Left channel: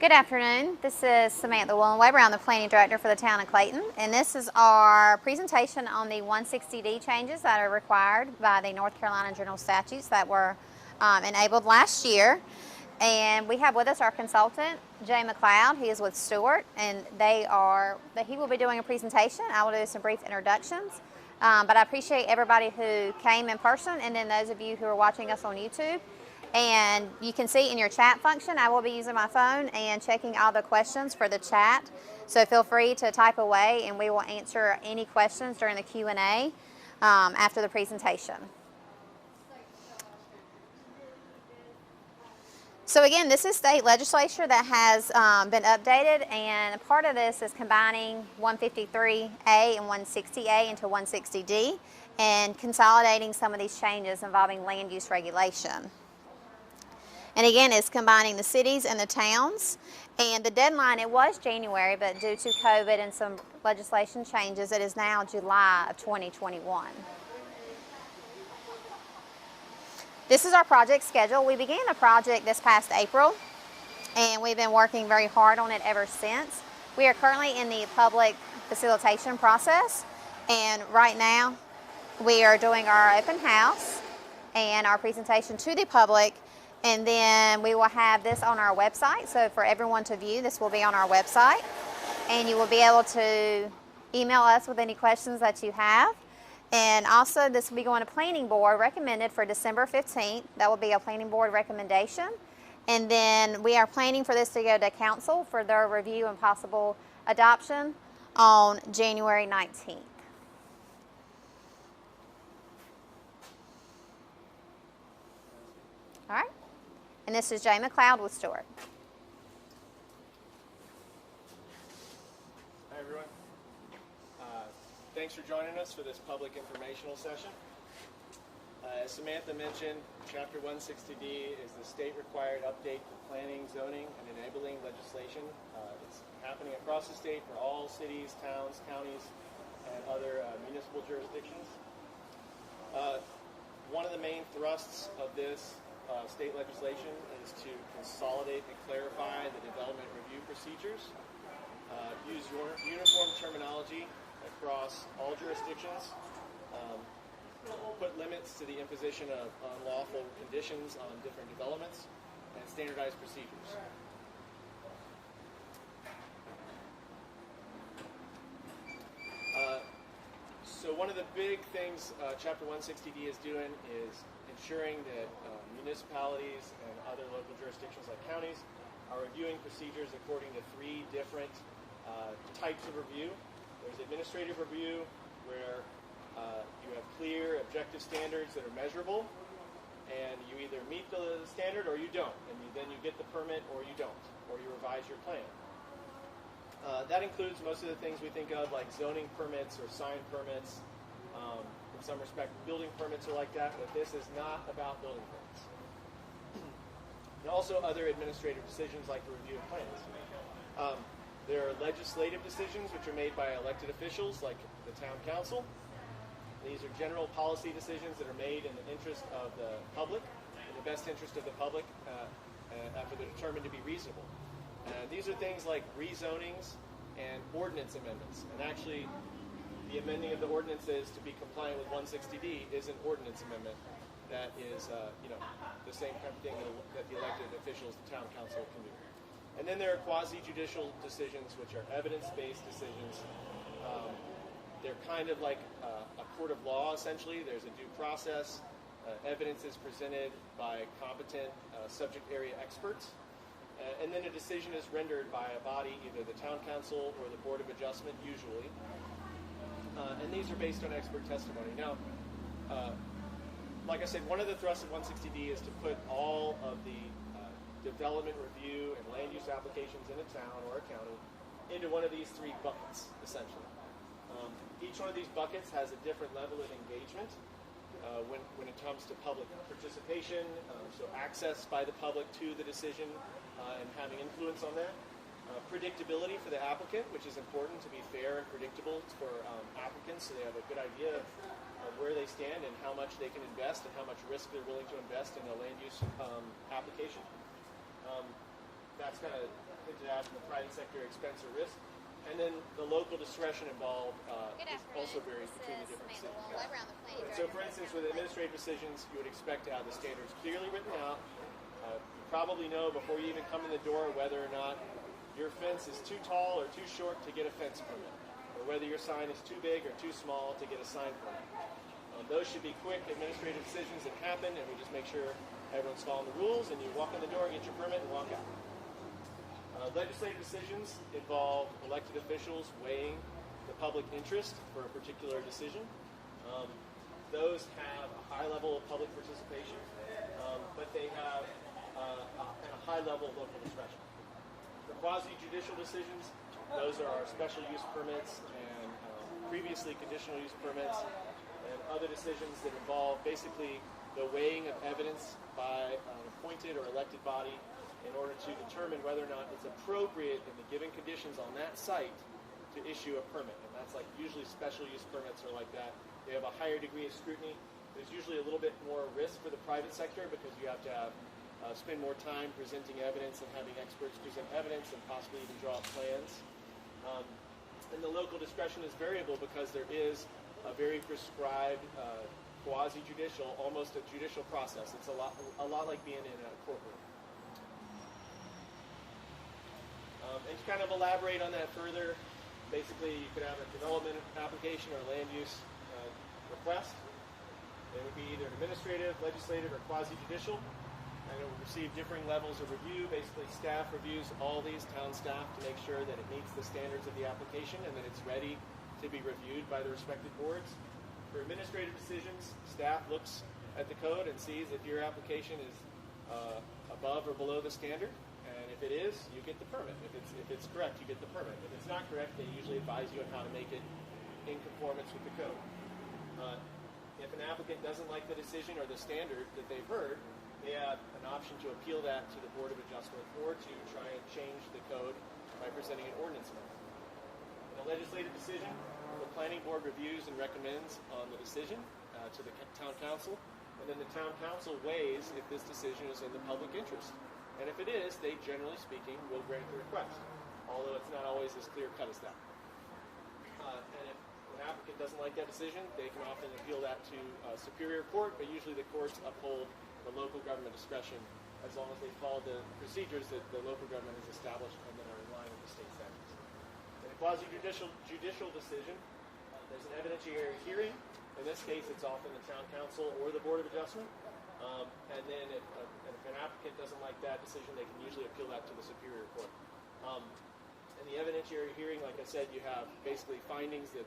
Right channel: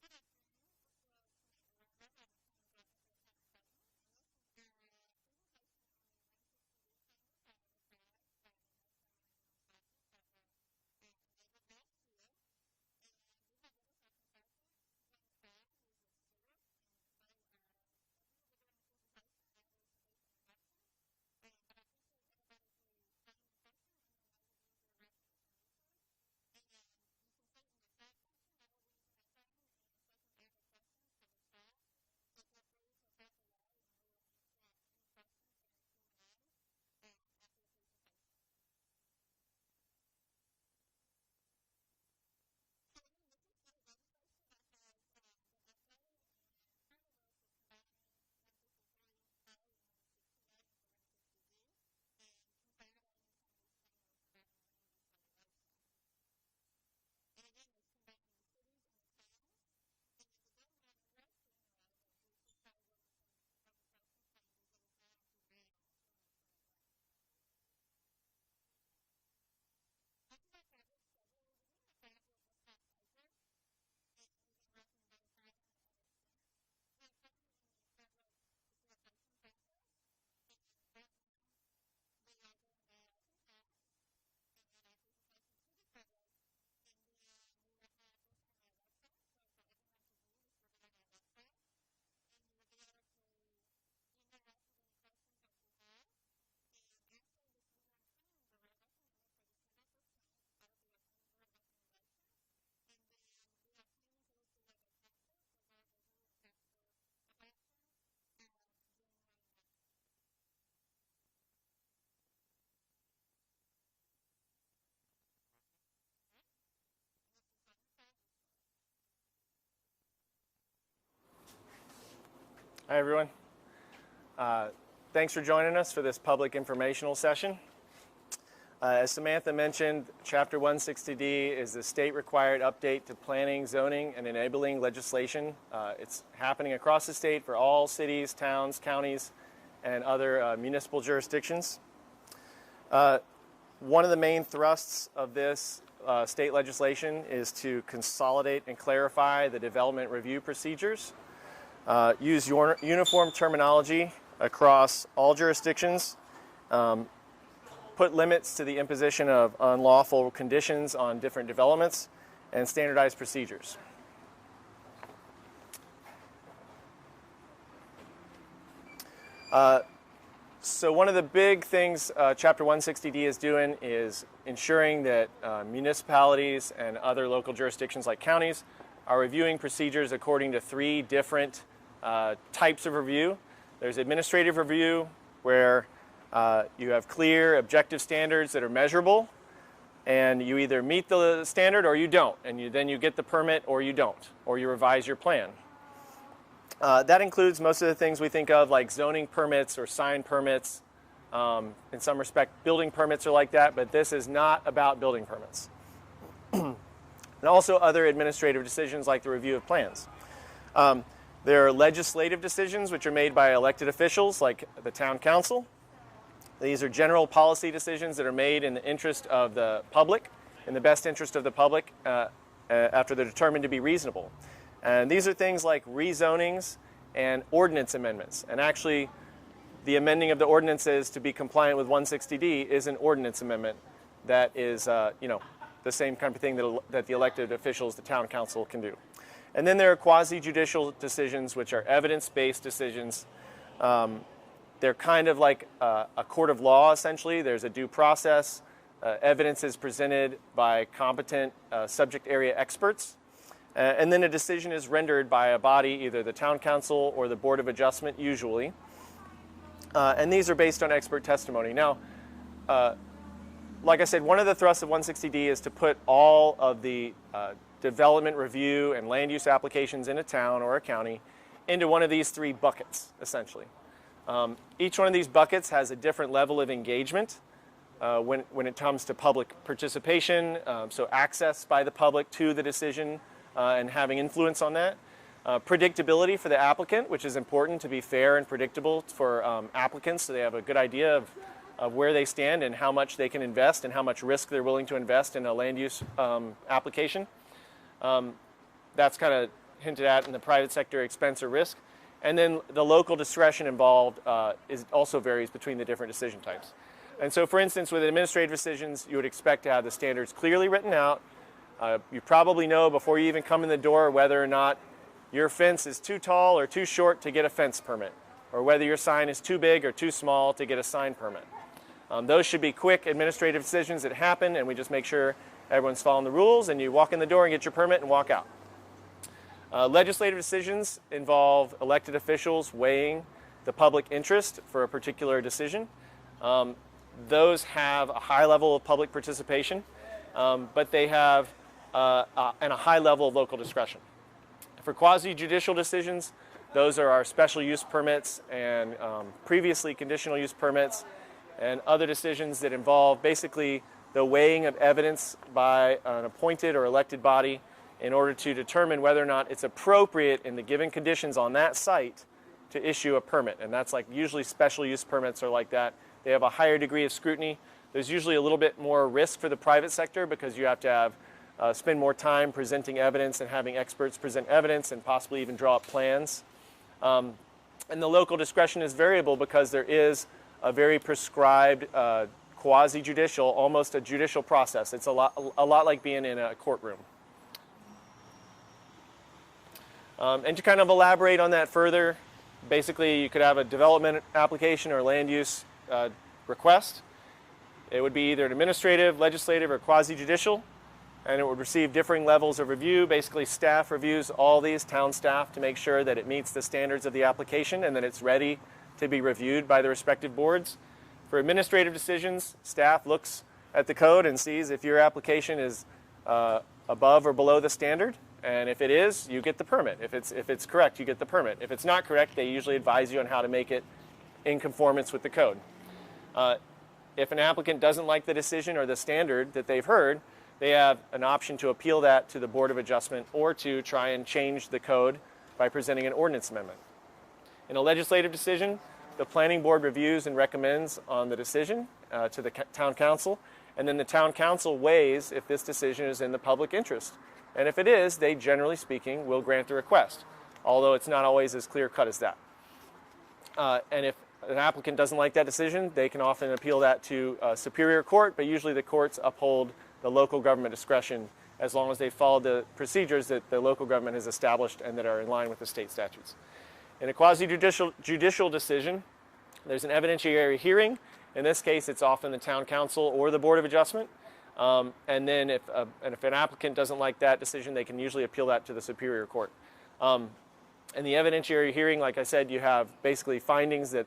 Good afternoon. This is Samantha Willen-Weber. I'm the Planning Director for the Town of Clayton, and this is our presentation on the 160D changes that are required by the North Carolina General Statutes that were enabled last year. And we have with us our consultant, Jay McLeod. He is with Stewart, and he will be doing a presentation. I will do some brief introductions. But I appreciate everybody who came in person, and then those of you who are watching us on YouTube. And you can see in your chat function, I will be using my phone and checking all the questions for the chat. So feel free to type away, and we will answer any questions during the Q&A after the presentation. So again, this is state legislature that has been updated, and a part of this is combining 153A and 160A into 160D and consolidating some of these changes involving land use regulation. And again, it's combining the cities and the towns. And the deadline, it was January, but due to COVID and some legislation changes, it is now July of 2021. This is our project schedule. We began the project this past April, and we've been working very hard on it ever since. We are currently in the public facilitation process, and right now we are doing our open house and our presentation to the public. And then we will have this on our website. So for everyone to view, this will be on our website. And you will be able to email us with any questions that you have. And also this will be going to Planning Board, recommended for December 15th. That will be a Planning Board recommendation. And then we are planning for this to go to Council for their review and possible adoption on January 19th. All right. And this is Jay McLeod with Stewart. Hi, everyone. Thanks for joining us for this public informational session. As Samantha mentioned, Chapter 160D is the state-required update to planning, zoning, and enabling legislation. It's happening across the state for all cities, towns, counties, and other municipal jurisdictions. One of the main thrusts of this state legislation is to consolidate and clarify the development review procedures, use uniform terminology across all jurisdictions, put limits to the imposition of unlawful conditions on different developments, and standardize procedures. So one of the big things Chapter 160D is doing is ensuring that municipalities and other local jurisdictions like counties are reviewing procedures according to three different types of review. There's administrative review, where you have clear, objective standards that are measurable, and you either meet the standard or you don't, and then you get the permit or you don't, or you revise your plan. That includes most of the things we think of, like zoning permits or sign permits. In some respect, building permits are like that, but this is not about building permits. And also other administrative decisions like the review of plans. There are legislative decisions which are made by elected officials like the town council. These are general policy decisions that are made in the interest of the public, in the best interest of the public, after they're determined to be reasonable. And these are things like rezonings and ordinance amendments. And actually, the amending of the ordinances to be compliant with 160D is an ordinance amendment that is, the same kind of thing that the elected officials, the town council, can do. And then there are quasi-judicial decisions, which are evidence-based decisions. They're kind of like a court of law, essentially. There's a due process. Evidence is presented by competent subject area experts. And then a decision is rendered by a body, either the town council or the Board of Adjustment, usually. And these are based on expert testimony. Now, like I said, one of the thrusts of 160D is to put all of the development review and land use applications in a town or a county into one of these three buckets, essentially. Each one of these buckets has a different level of engagement when it comes to public participation, so access by the public to the decision and having influence on that. Predictability for the applicant, which is important to be fair and predictable for applicants, so they have a good idea of where they stand and how much they can invest and how much risk they're willing to invest in a land use application. That's kind of hinted at in the private sector expense or risk. And then the local discretion involved also varies between the different decision types. And so, for instance, with administrative decisions, you would expect to have the standards clearly written out. You probably know before you even come in the door whether or not your fence is too tall or too short to get a fence permit, or whether your sign is too big or too small to get a sign permit. Those should be quick administrative decisions that happen, and we just make sure everyone's following the rules, and you walk in the door and get your permit and walk out. Legislative decisions involve elected officials weighing the public interest for a particular decision. Those have a high level of public participation, but they have and a high level of local discretion. For quasi-judicial decisions, those are our special use permits and previously conditional use permits and other decisions that involve basically the weighing of evidence by an appointed or elected body in order to determine whether or not it's appropriate in the given conditions on that site to issue a permit. And that's like usually special use permits are like that. They have a higher degree of scrutiny. There's usually a little bit more risk for the private sector because you have to have spend more time presenting evidence and having experts present evidence and possibly even draw up plans. And the local discretion is variable because there is a very prescribed quasi-judicial, almost a judicial process. It's a lot like being in a courtroom. And to kind of elaborate on that further, basically you could have a development application or land use request. It would be either an administrative, legislative, or quasi-judicial, and it would receive differing levels of review. Basically, staff reviews all these, town staff, to make sure that it meets the standards of the application and that it's ready to be reviewed by the respective boards. For administrative decisions, staff looks at the code and sees if your application is above or below the standard, and if it is, you get the permit. If it's correct, you get the permit. If it's not correct, they usually advise you on how to make it in conformance with the code. If an applicant doesn't like the decision or the standard that they've heard, they have an option to appeal that to the Board of Adjustment or to try and change the code by presenting an ordinance amendment. In a legislative decision, the planning board reviews and recommends on the decision to the town council, and then the town council weighs if this decision is in the public interest. And if it is, they, generally speaking, will grant the request, although it's not always as clear-cut as that. And if an applicant doesn't like that decision, they can often appeal that to Superior Court, but usually the courts uphold the local government discretion as long as they follow the procedures that the local government has established and that are in line with the state statutes. In a quasi-judicial decision, there's an evidentiary hearing. In this case, it's often the town council or the Board of Adjustment. And then if an applicant doesn't like that decision, they can usually appeal that to the Superior Court. In the evidentiary hearing, like I said, you have basically findings that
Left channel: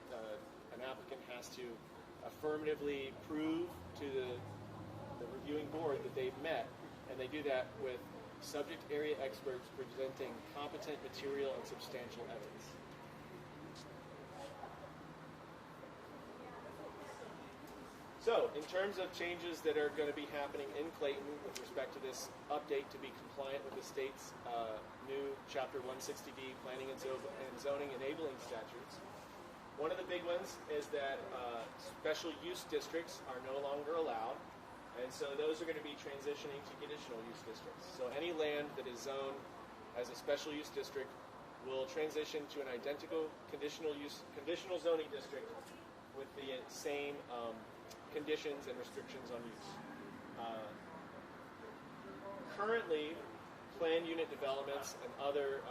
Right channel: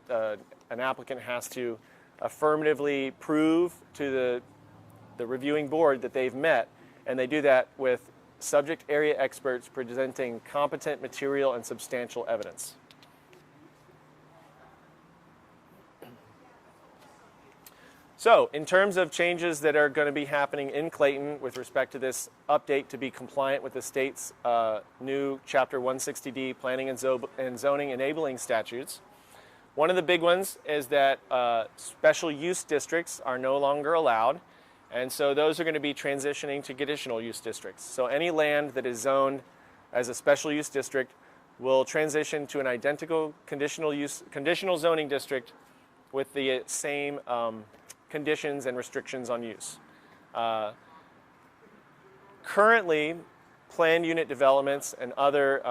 an applicant has to affirmatively prove to the reviewing board that they've met, and they do that with subject area experts presenting competent material and substantial evidence. So, in terms of changes that are going to be happening in Clayton with respect to this update to be compliant with the state's new Chapter 160D Planning and Zoning Enabling Statutes, one of the big ones is that special use districts are no longer allowed, and so those are going to be transitioning to conditional use districts. So any land that is zoned as a special use district will transition to an identical conditional zoning district with the same conditions and restrictions on use. Currently, planned unit developments and other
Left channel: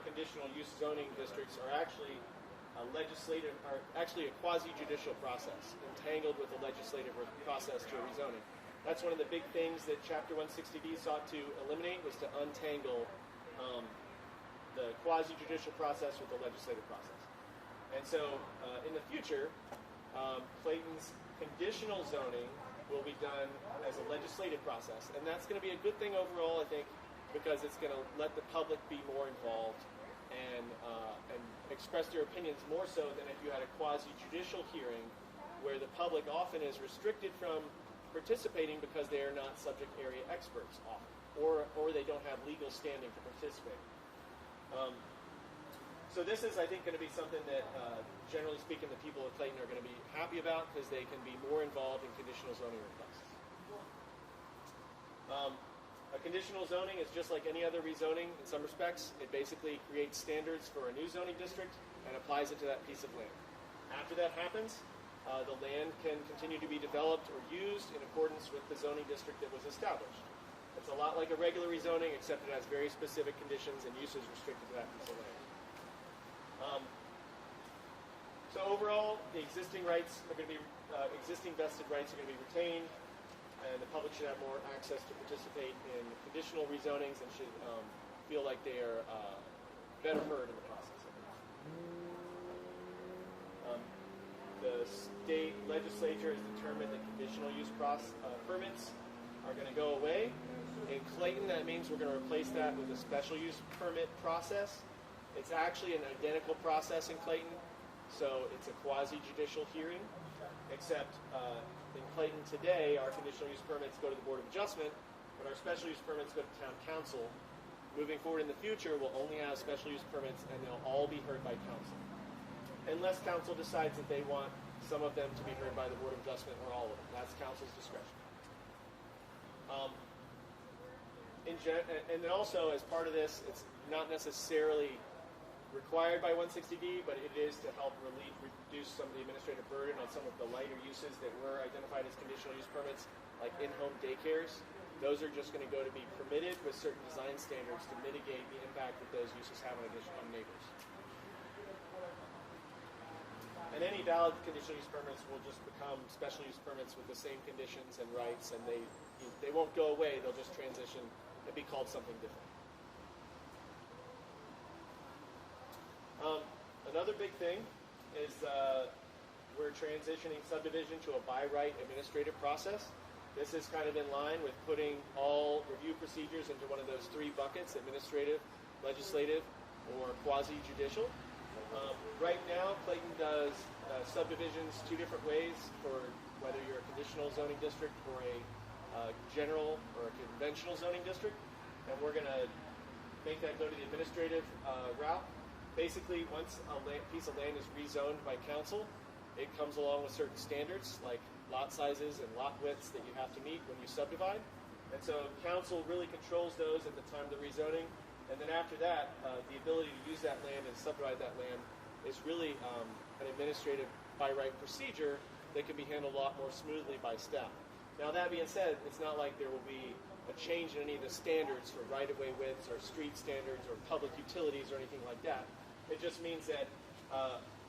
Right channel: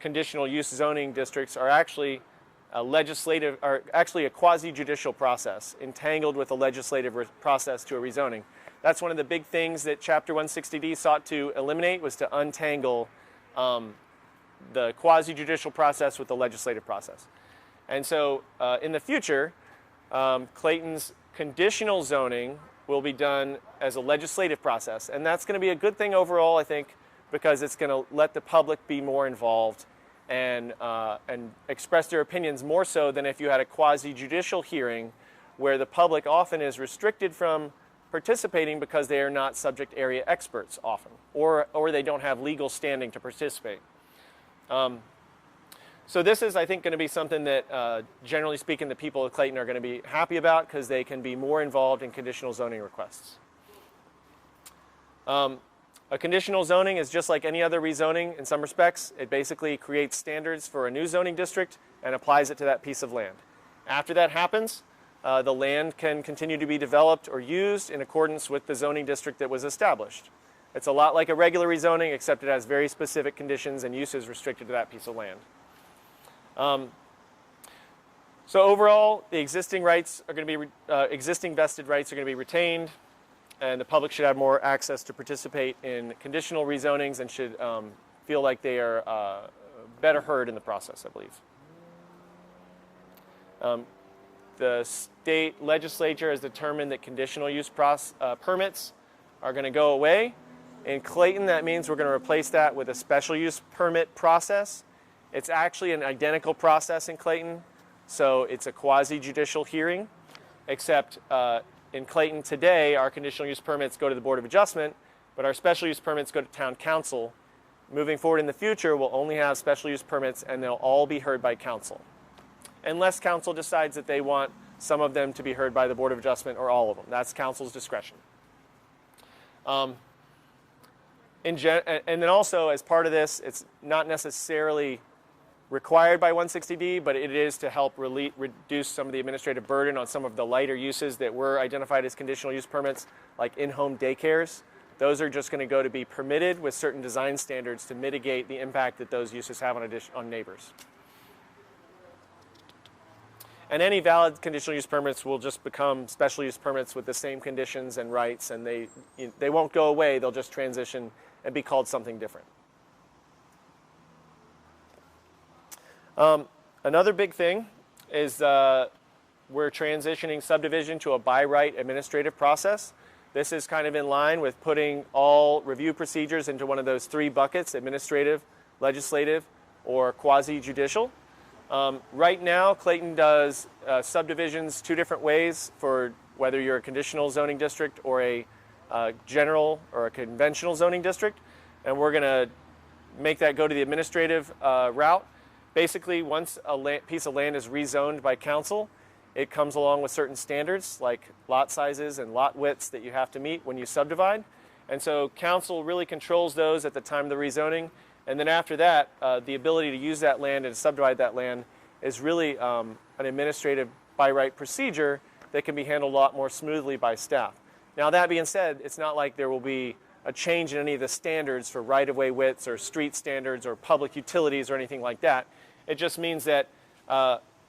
conditional use zoning districts are actually a quasi-judicial process, entangled with a legislative process to a rezoning. That's one of the big things that Chapter 160D sought to eliminate, was to untangle the quasi-judicial process with the legislative process. And so in the future, Clayton's conditional zoning will be done as a legislative process. And that's going to be a good thing overall, I think, because it's going to let the public be more involved and express their opinions more so than if you had a quasi-judicial hearing where the public often is restricted from participating because they are not subject area experts often, or they don't have legal standing to participate. So this is, I think, going to be something that, generally speaking, the people of Clayton are going to be happy about because they can be more involved in conditional zoning requests. A conditional zoning is just like any other rezoning in some respects. It basically creates standards for a new zoning district and applies it to that piece of land. After that happens, the land can continue to be developed or used in accordance with the zoning district that was established. It's a lot like a regular rezoning, except it has very specific conditions and uses restricted to that piece of land. So overall, the existing rights are going to be existing vested rights are going to be retained, and the public should have more access to participate in conditional rezonings and should feel like they are better heard in the process, I believe. The state legislature has determined that conditional use permits are going to go away. In Clayton, that means we're going to replace that with a special use permit process. It's actually an identical process in Clayton, so it's a quasi-judicial hearing, except in Clayton today, our conditional use permits go to the Board of Adjustment, but our special use permits go to Town Council. Moving forward in the future, we'll only have special use permits, and they'll all be heard by Council, unless Council decides that they want some of them to be heard by the Board of Adjustment or all of them. That's Council's discretion. And then also, as part of this, it's not necessarily required by 160D, but it is to help reduce some of the administrative burden on some of the lighter uses that were identified as conditional use permits, like in-home daycares. Those are just going to go to be permitted with certain design standards to mitigate the impact that those uses have on neighbors. And any valid conditional use permits will just become special use permits with the same conditions and rights, and they won't go away. They'll just transition and be called something different. Another big thing is we're transitioning subdivision to a by right administrative process. This is kind of in line with putting all review procedures into one of those three buckets: administrative, legislative, or quasi-judicial. Right now, Clayton does subdivisions two different ways for whether you're a conditional zoning district or a general or a conventional zoning district, and we're going to make that go to the administrative route. Basically, once a piece of land is rezoned by council, it comes along with certain standards like lot sizes and lot widths that you have to meet when you subdivide. And so council really controls those at the time of the rezoning. And then after that, the ability to use that land and subdivide that land is really an administrative by right procedure that can be handled a lot more smoothly by staff. Now, that being said, it's not like there will be a change in any of the standards for right-of-way widths or street standards or public utilities or anything like that. It just means that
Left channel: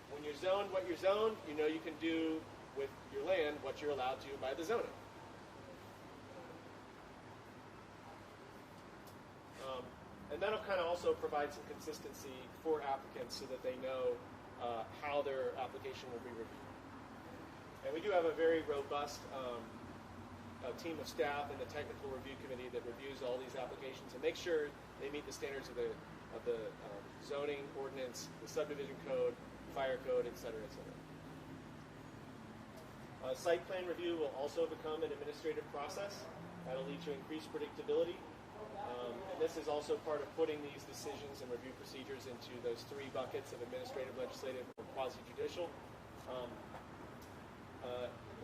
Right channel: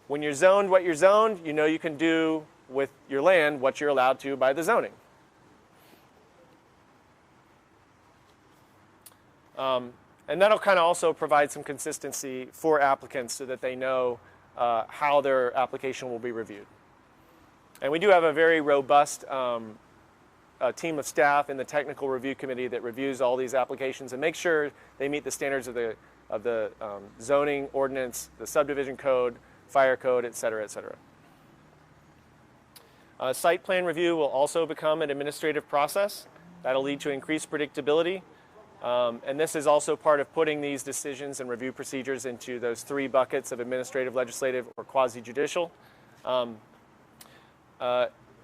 when you're zoned what you're zoned, you know you can do with your land what you're allowed to by the zoning. And that'll kind of also provide some consistency for applicants so that they know how their application will be reviewed. And we do have a very robust team of staff in the technical review committee that reviews all these applications and makes sure they meet the standards of the zoning ordinance, the subdivision code, fire code, et cetera, et cetera. Site plan review will also become an administrative process. That'll lead to increased predictability. And this is also part of putting these decisions and review procedures into those three buckets of administrative, legislative, or quasi-judicial.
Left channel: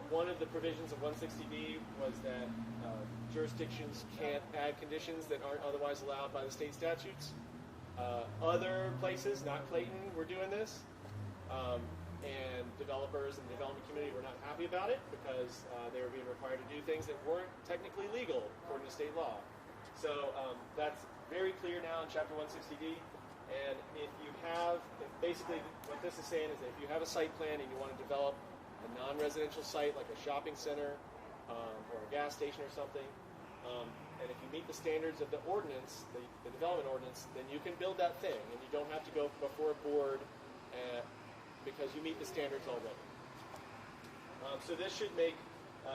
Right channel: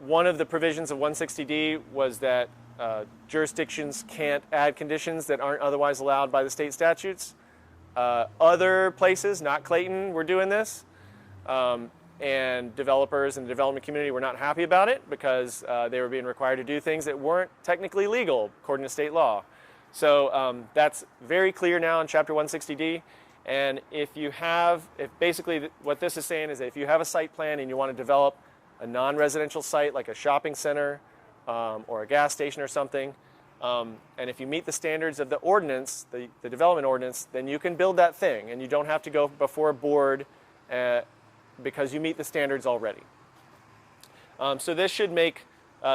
One of the provisions of 160D was that jurisdictions can't add conditions that aren't otherwise allowed by the state statutes. Other places, not Clayton, were doing this. And developers and the development community were not happy about it because they were being required to do things that weren't technically legal according to state law. So that's very clear now in Chapter 160D. And if basically what this is saying is that if you have a site plan and you want to develop a non-residential site like a shopping center or a gas station or something, and if you meet the standards of the ordinance, the development ordinance, then you can build that thing and you don't have to go before a board because you meet the standards already. So this should make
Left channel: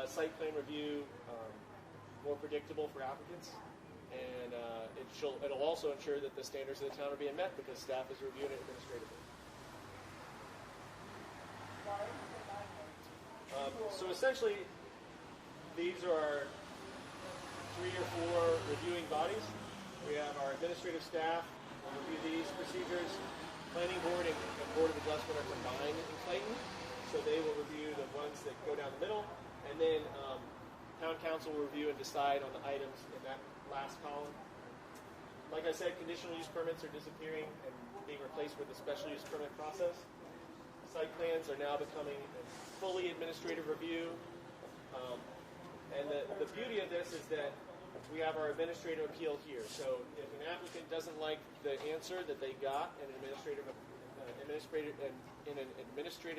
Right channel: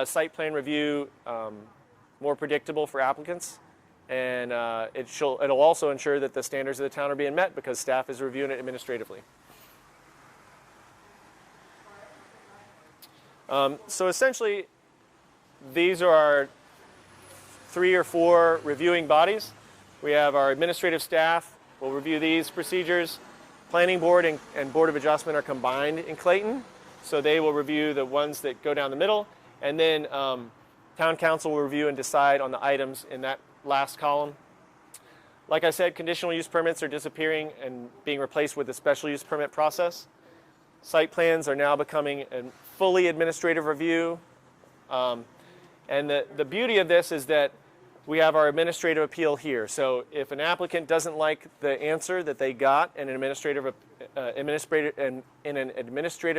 site plan review more predictable for applicants. And it'll also ensure that the standards of the town are being met because staff is reviewing it administratively. So essentially, these are our 3 or 4 reviewing bodies. We have our administrative staff will review these procedures. Planning board and Board of Adjustment are combined in Clayton, so they will review the ones that go down the middle, and then town council will review and decide on the items in that last column. Like I said, conditional use permits are disappearing and being replaced with the special use permit process. Site plans are now becoming a fully administrative review. And the beauty of this is that we have our administrative appeal here. So if an applicant doesn't like the answer that they got in an administrative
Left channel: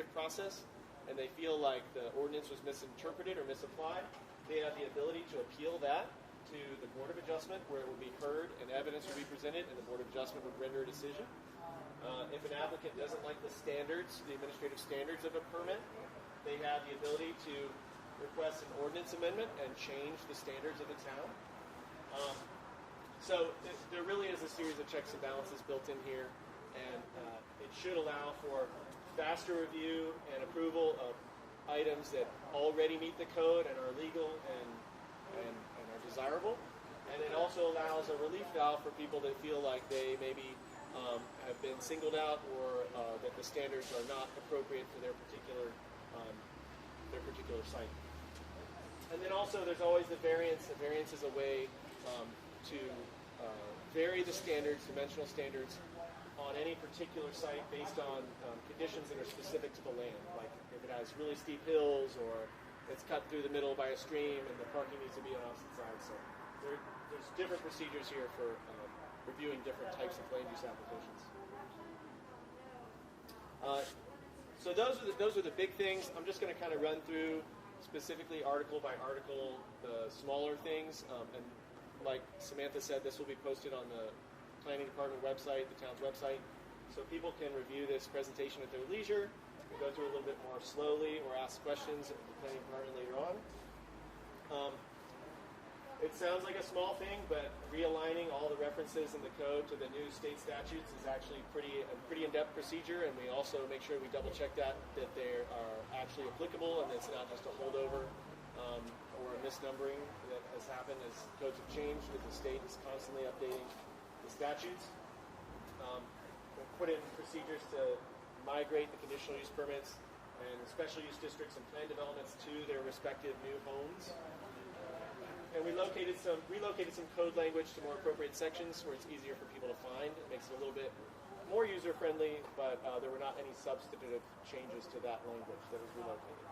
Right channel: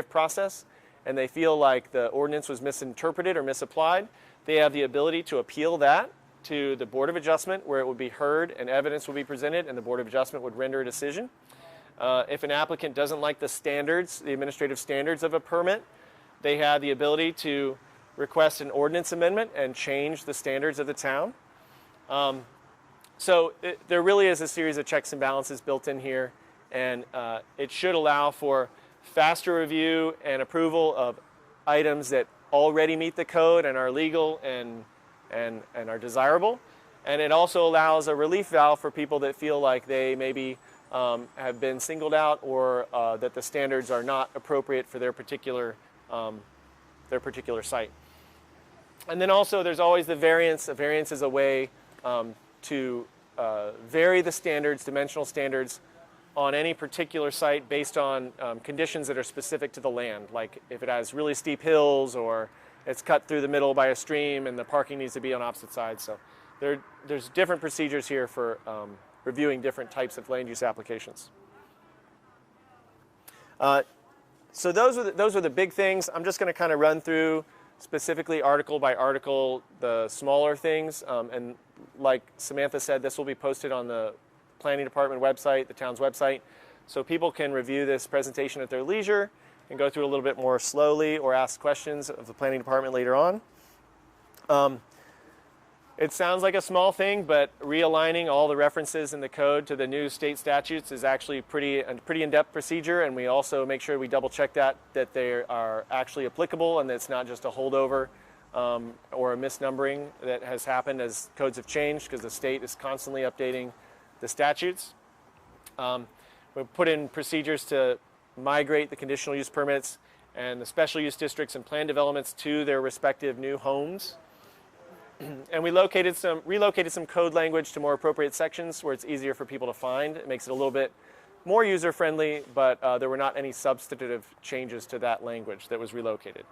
process, and they feel like the ordinance was misinterpreted or misapplied, they have the ability to appeal that to the Board of Adjustment, where it would be heard and evidence would be presented, and the Board of Adjustment would render a decision. If an applicant doesn't like the standards, the administrative standards of a permit, they have the ability to request an ordinance amendment and change the standards of the town. There really is a series of checks and balances built in here, and it should allow for faster review and approval of items that already meet the code and are legal and are desirable. And it also allows a relief valve for people that feel like they maybe have been singled out, or that the standards are not appropriate for their particular site. And then also there's always the variance. A variance is a way to vary the standards, dimensional standards, on any particular site based on conditions that are specific to the land. Like if it has really steep hills, or it's cut through the middle by a stream and the parking needs to be on opposite sides. So there's different procedures here for reviewing different types of land use applications. So those are the big things. I'm just going to kind of run through specifically article by article the smaller things. And like Samantha said, this will be posted on the Planning Department website, the town's website, so people can review this presentation at their leisure and go through it a little bit more slowly, or ask questions of the Planning Department later on. It sounds like a small thing, but realigning all the references in the code to the new state statutes is actually a pretty in-depth procedure, and we also make sure we double check that they are actually applicable and that it's not just a holdover or a misnumbering that has happened as codes have changed, because the state is constantly updating the statutes. We've put in procedures to migrate the conditional use permits and the special use districts and plan developments to their respective new homes. And we relocated some code language to more appropriate sections where it's easier for people to find. It makes it a little bit more user-friendly, but there were not any substantive changes to that language that was relocated.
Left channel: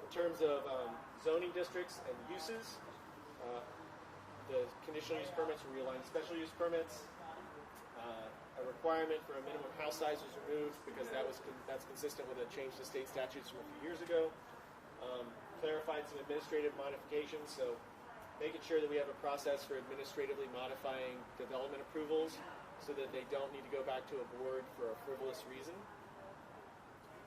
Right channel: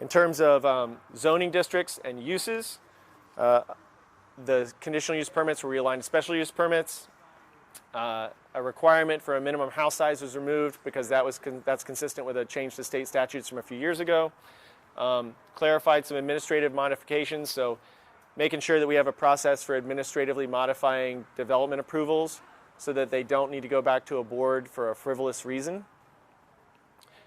In terms of zoning districts and uses, the conditional use permits were realigned to special use permits. A requirement for a minimum house size was removed because that's consistent with a change to state statutes from a few years ago. Clarified some administrative modifications, so making sure that we have a process for administratively modifying development approvals so that they don't need to go back to a board for a frivolous reason.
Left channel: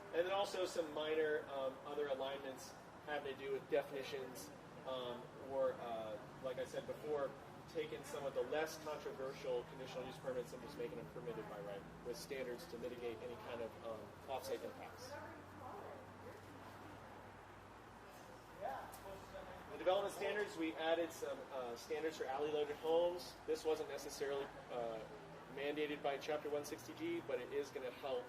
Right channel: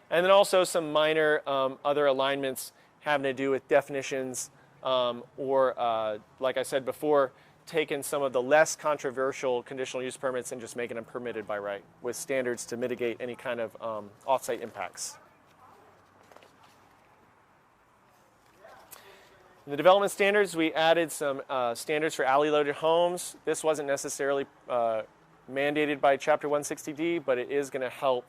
And then also some minor other alignments having to do with definitions, or like I said before, taking some of the less controversial conditional use permits and just making them permitted by right with standards to mitigate any kind of off-site impacts. In the development standards, we added some standards for alley-loaded homes. This wasn't necessarily mandated by Chapter 160D, but it is going to help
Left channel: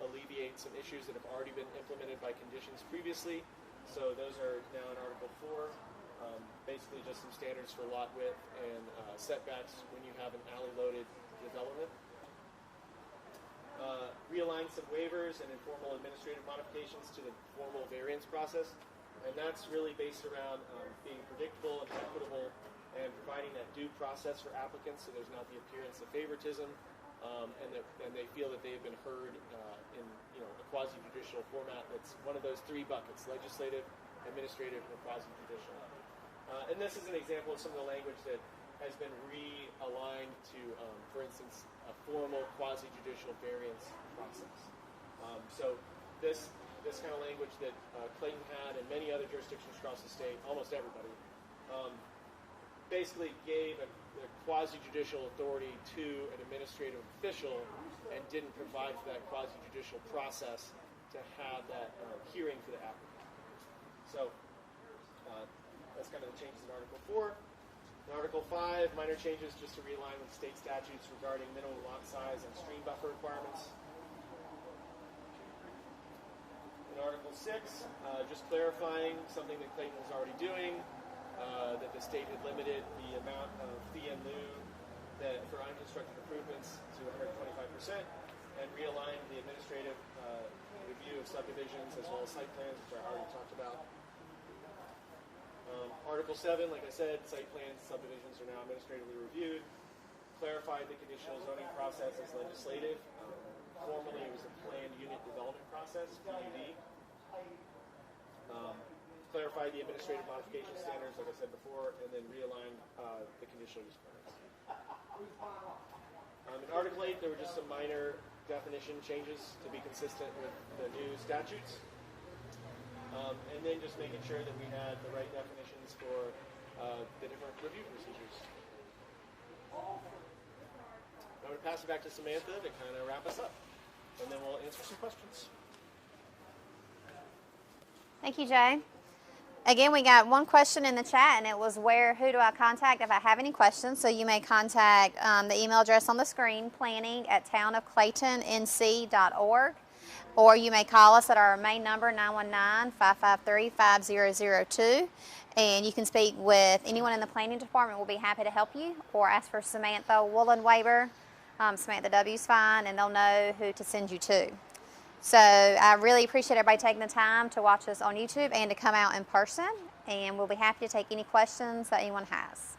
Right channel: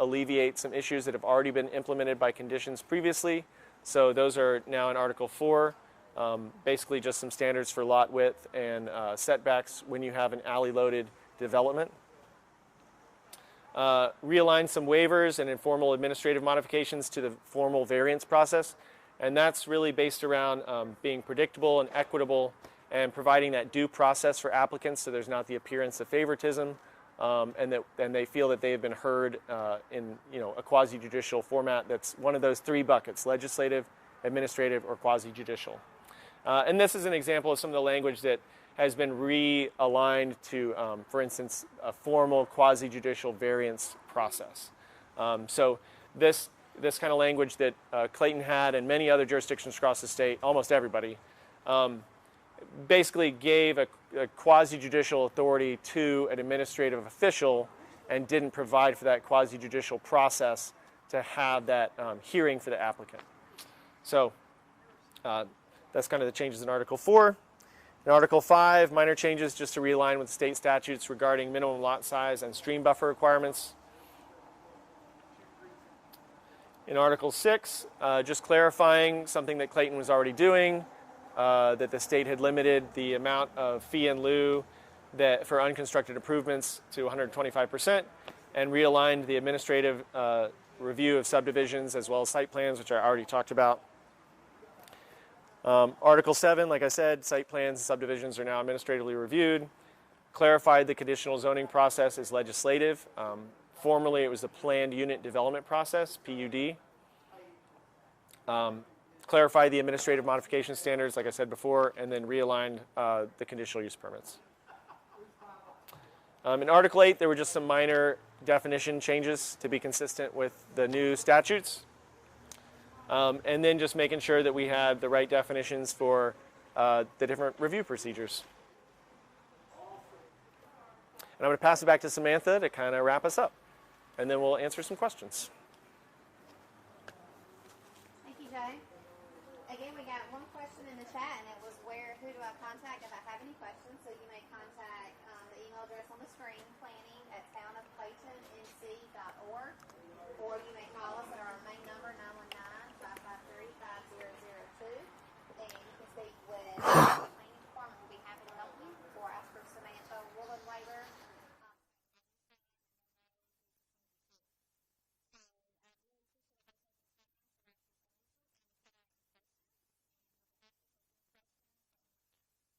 alleviate some issues that have already been implemented by conditions previously. So those are now in Article 4, basically just some standards for lot width and setbacks when you have an alley-loaded development. Realign some waivers and informal administrative modifications to the formal variance process. And that's really based around being predictable and equitable and providing that due process for applicants, so there's not the appearance of favoritism, and they feel that they've been heard in a quasi-judicial format that's one of those three buckets: legislative, administrative, or quasi-judicial. And this is an example of some of the language that has been realigned to, for instance, a formal quasi-judicial variance process. So this kind of language that Clayton had and many other jurisdictions across the state, almost everybody, basically gave a quasi-judicial authority to an administrative official and didn't provide for that quasi-judicial process to have that hearing for the applicant. So that's kind of the changes in Article 4. In Article 5, minor changes just to realign with state statutes regarding minimum lot size and stream buffer requirements. In Article 6, just clarifying something that Clayton was already doing, that the state had limited the amount of fee-in-lieu that for unconstructed improvements to 125%, and realigned the administrative review of subdivisions as well as site plans, which I already talked about. Article 7, like I said, site plans and subdivisions are now administratively reviewed. Clarified the conditional zoning process as legislative. Formerly, it was the planned unit development process, PUD. Clarified the administrative modification standards, like I said before, and then realigned the conditional use permits. In Article 8, there were just some minor definition changes to be consistent with the new statutes. And then just making sure that we have the right definitions for the different review procedures. And I'm going to pass it back to Samantha to kind of wrap us up. And then we'll answer some questions. Thank you, Jay. Again, we got one question in the chat, and it was who do I contact if I have any questions? So you may contact the email address on the screen, planning@townofclaytonnc.org, or you may call us at our main number, 919-553-5002, and you can speak with anyone in the planning department. We'll be happy to help you, or ask for Samantha Woolen-Waver. Samantha W's fine, and they'll know who to send you to. So I really appreciate everybody taking the time to watch us on YouTube and to come out in person, and we'll be happy to take any questions that anyone has.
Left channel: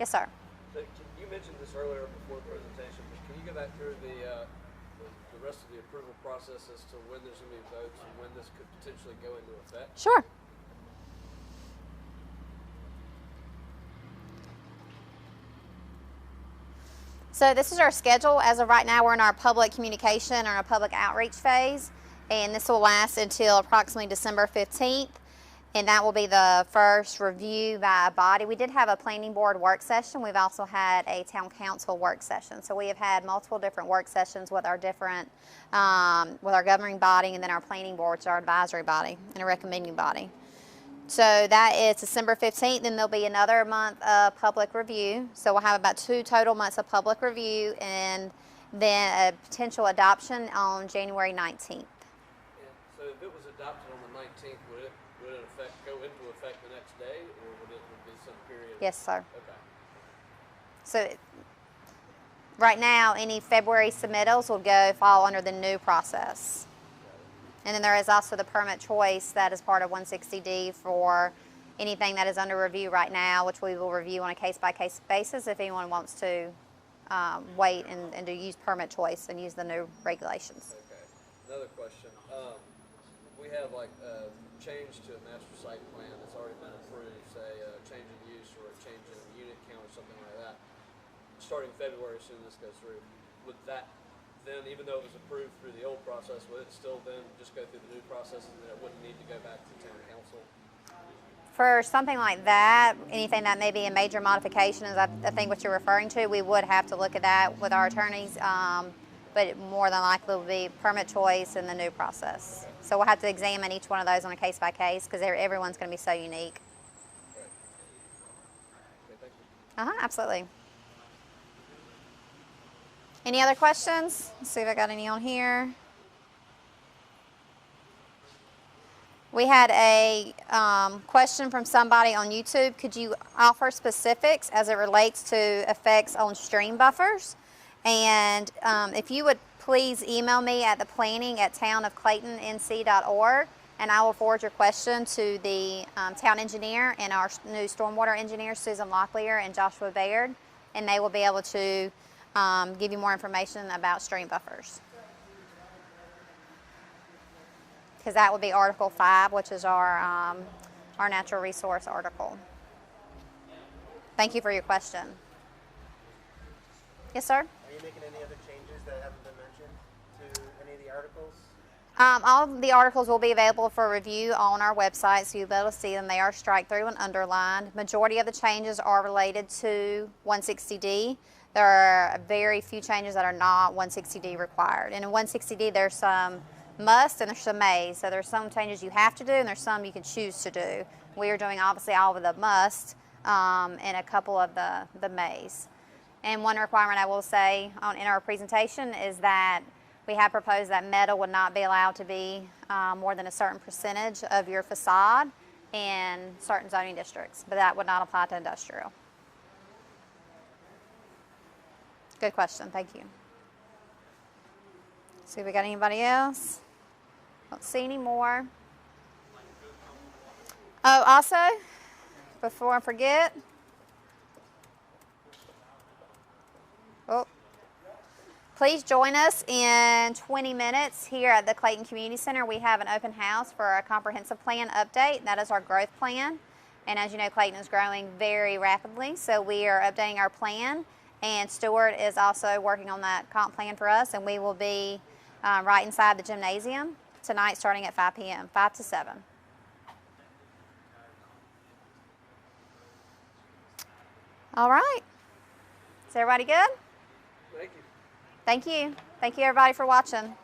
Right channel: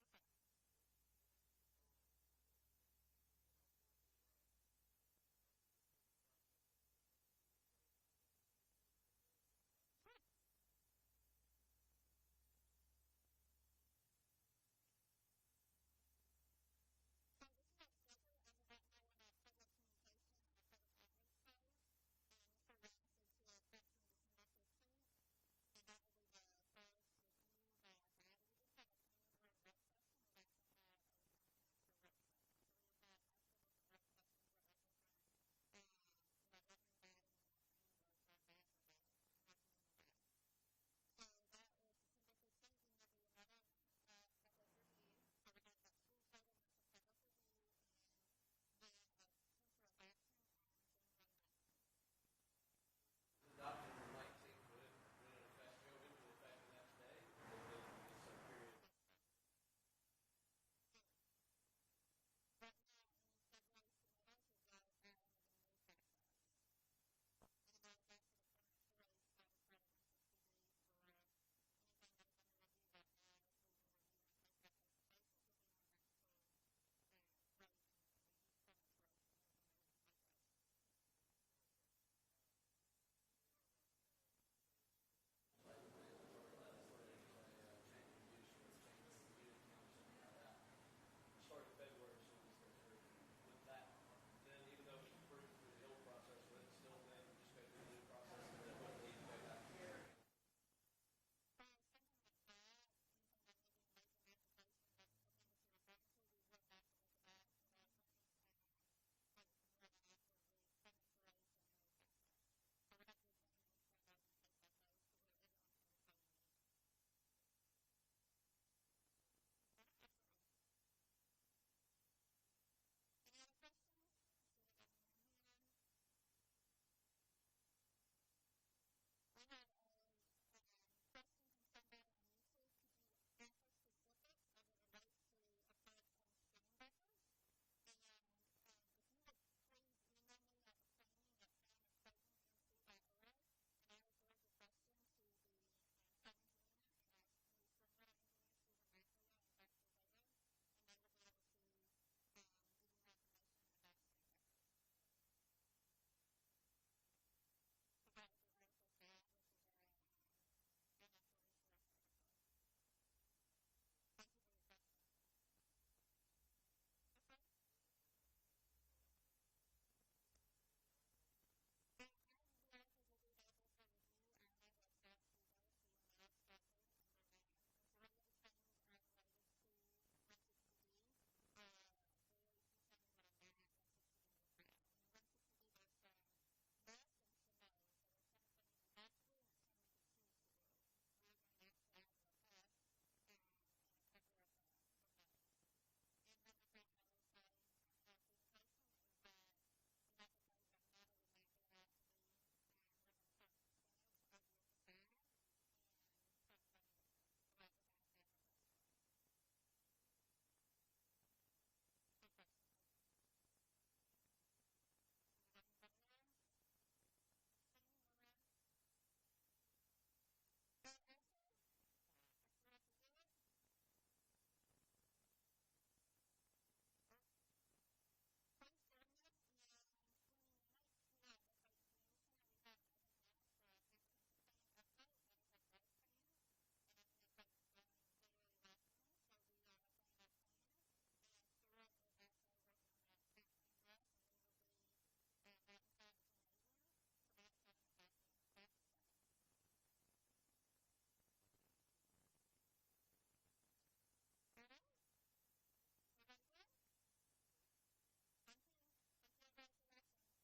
Yes, sir. So you mentioned this earlier before the presentation, but can you go back through the rest of the approval process as to when there's going to be votes and when this could potentially go into effect? Sure. So this is our schedule. As of right now, we're in our public communication or our public outreach phase, and this will last until approximately December 15th, and that will be the first review by a body. We did have a planning board work session. We've also had a town council work session. So we have had multiple different work sessions with our different, with our governing body, and then our planning board, which is our advisory body and a recommending body. So that is December 15th, then there'll be another month of public review. So we'll have about 2 total months of public review, and then a potential adoption on January 19th. Yeah. So if it was adopted on the 19th, would it go into effect the next day, or would it be some period? Yes, sir. Okay. So right now, any February submittals will fall under the new process. And then there is also the permit choice that is part of 160D for anything that is under review right now, which we will review on a case-by-case basis if anyone wants to wait and to use permit choice and use the new regulations. Okay. Another question. We have like a change to a master site plan that's already been approved, say a change in use or a change in unit count or something like that. Starting February, as soon as this goes through, would that then, even though it was approved through the old process, would it still then just go through the new process and then it wouldn't need to go back to town council? For something like that, anything that may be a major modification is I think what you're referring to, we would have to look at that with our attorneys, but more than likely will be permit choice and the new process. Okay. So we'll have to examine each one of those on a case by case because everyone's going to be so unique. Right. Okay, thank you. Absolutely. Any other questions? Let's see if I got any on here. We had a question from somebody on YouTube. Could you offer specifics as it relates to effects on stream buffers? And if you would please email me at the planning@townofclaytonnc.org, and I will forward your question to the town engineer and our new stormwater engineers, Susan Locklear and Joshua Baird, and they will be able to give you more information about stream buffers. Because that would be Article 5, which is our natural resource article. Thank you for your question. Yes, sir? Are you making any other changes that haven't been mentioned to any of the articles? All of the articles will be available for review on our website, so you'll be able to see them. They are strike through and underlined. Majority of the changes are related to 160D. There are very few changes that are not 160D required. And in 160D, there's some must and there's some may. So there's some changes you have to do and there's some you can choose to do. We are doing obviously all of the must and a couple of the mays. And one requirement I will say in our presentation is that we have proposed that metal would not be allowed to be more than a certain percentage of your facade. in certain zoning districts, but that would not apply to industrial. Good question, thank you. See if we got anybody else. Don't see any more. Oh, also, before I forget, please join us in 20 minutes here at the Clayton Community Center. We have an open house for a comprehensive plan update. That is our growth plan. And as you know, Clayton is growing very rapidly, so we are updating our plan. And Stuart is also working on that comp plan for us, and we will be right inside the gymnasium tonight starting at 5 p.m., 5 to 7. All right. Is everybody good? Thank you. Thank you. Thank you, everybody, for watching.